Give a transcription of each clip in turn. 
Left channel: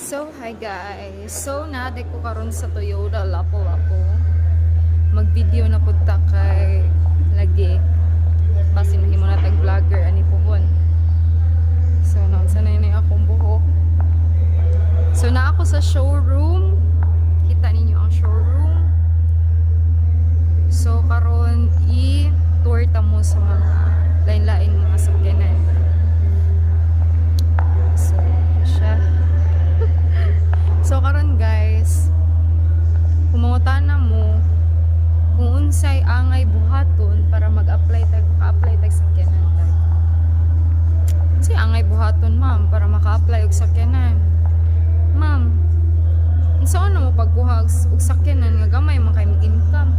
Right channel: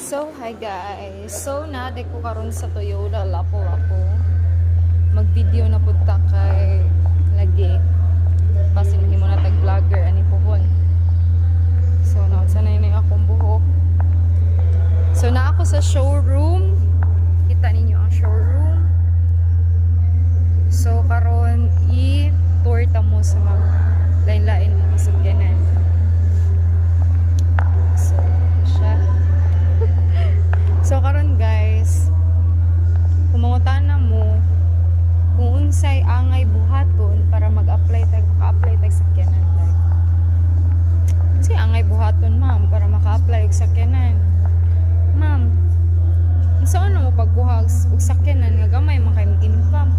So, hi guys. So, naade ko karon sa Toyota Lapu-Lapu. Mag-video na pud ta kay lagi. Kasi nahimo na tag-vlogger ani pohon. So, sanay na akong buhok. So, na ako sa showroom. Kita ninyo ang showroom. So, karon i-tour ta mo sa mga lain-lain mga sakyanan. So, siya. So karon guys, kumangutana mo kung unsay angay buhaton para mag-apply tag maka-apply tag sakyanan tag. Unsay angay buhaton ma'am para maka-apply og sakyanan? Ma'am, unsa ano mo pagkuha og sakyanan nga gamay man kay income?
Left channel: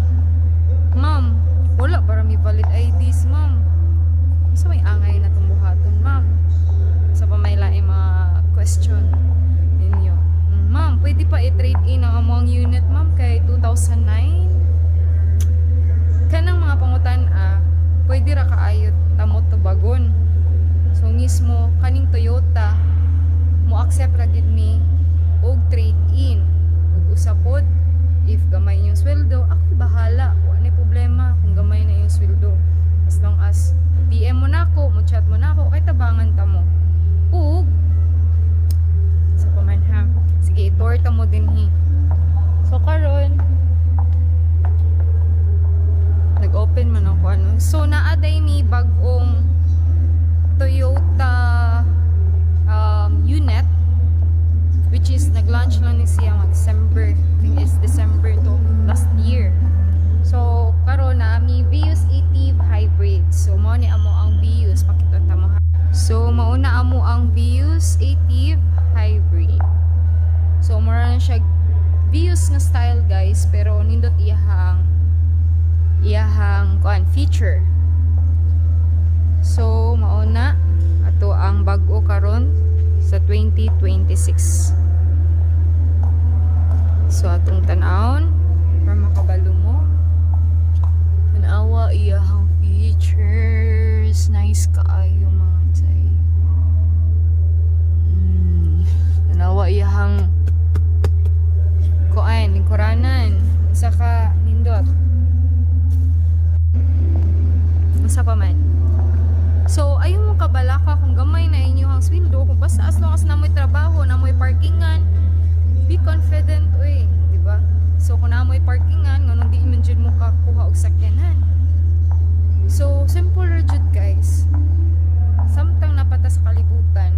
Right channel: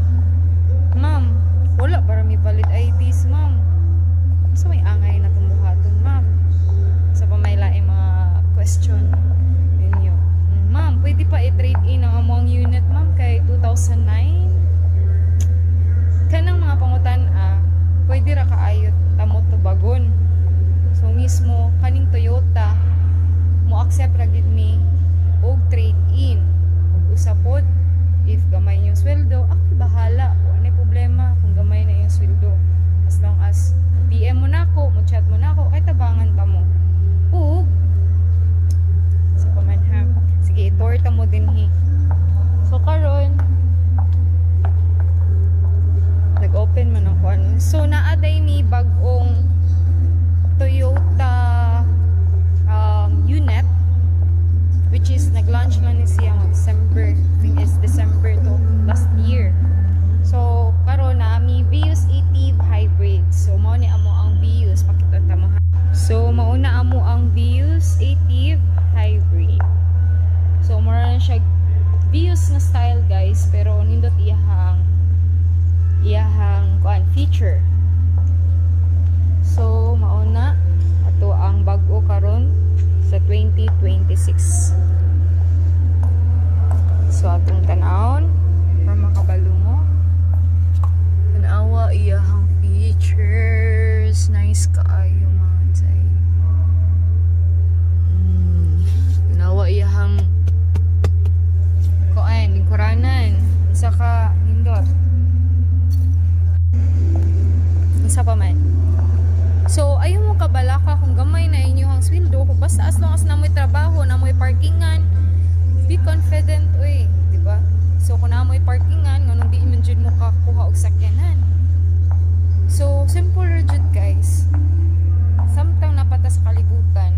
Ma'am, wala para mi valid IDs ma'am. Unsa may angay na buhaton ma'am? Sa pamay laing mga question ninyo. Ma'am, pwede pa i-trade in ang among unit, ma'am, kay 2009. Kanang mga pangutan, pwede ra kaayot tamot to bagon. So, mismo, kaning Toyota, mo accept ra gid ni og trade in. Ug usapod, if gamay yung sweldo, ako bahala. Wala problema kung gamay na yung sweldo. As long as DM mo na ako, mo chat mo na ako, kay tabangan ta mo. Ug, sa pamanha. Sige, i-tour ta mo din hi. So, karon nag-open man ako ano. So, naaday ni bagong Toyota unit, which is nag-launch lang ni siya December. I think it's December to last year. So, karon na mi Vios Active Hybrid. So, mao ni amo ang Vios. Pakita ta mo ha. So, mauna amo ang Vios Active Hybrid. So, mura na siya Vios nga style guys, pero nindot iyahang feature. So, mauna ato ang bag-o karon sa 2026. So, atong tan-awon para makabalo mo. Tanawa iyahang features. Nice kaayo mga tay. Tanawa iyahang kuan, lingkuranan. Isa ka nindot. Isa pa man. So, ayaw mo kabalaka kung gamay na inyong sweldo. Kung basta as long as na mo'y trabaho, na mo'y parkingan, be confident, uy. Diba? So, kung na mo'y parkingan, nga nung di man dyan mo kakuha og sakyanan. So, simple jud guys. Samtang napata sa kalibutan,